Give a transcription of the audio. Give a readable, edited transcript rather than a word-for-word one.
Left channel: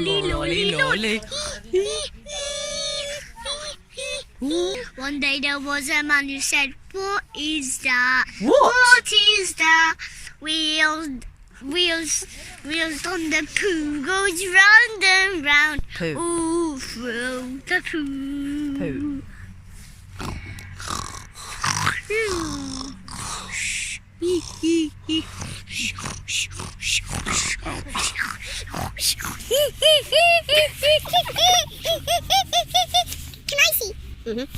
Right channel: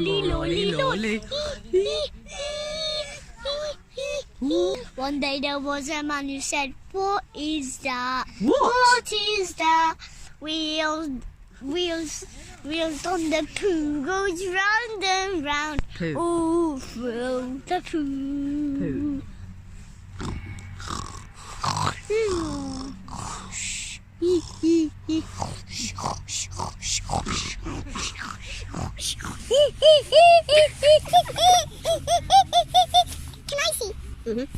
lolly. One day there was a man who said, "What is that? What? Is that? Wheels on the poo goes round and round. Poo. All through the poo." Poo. Can I see?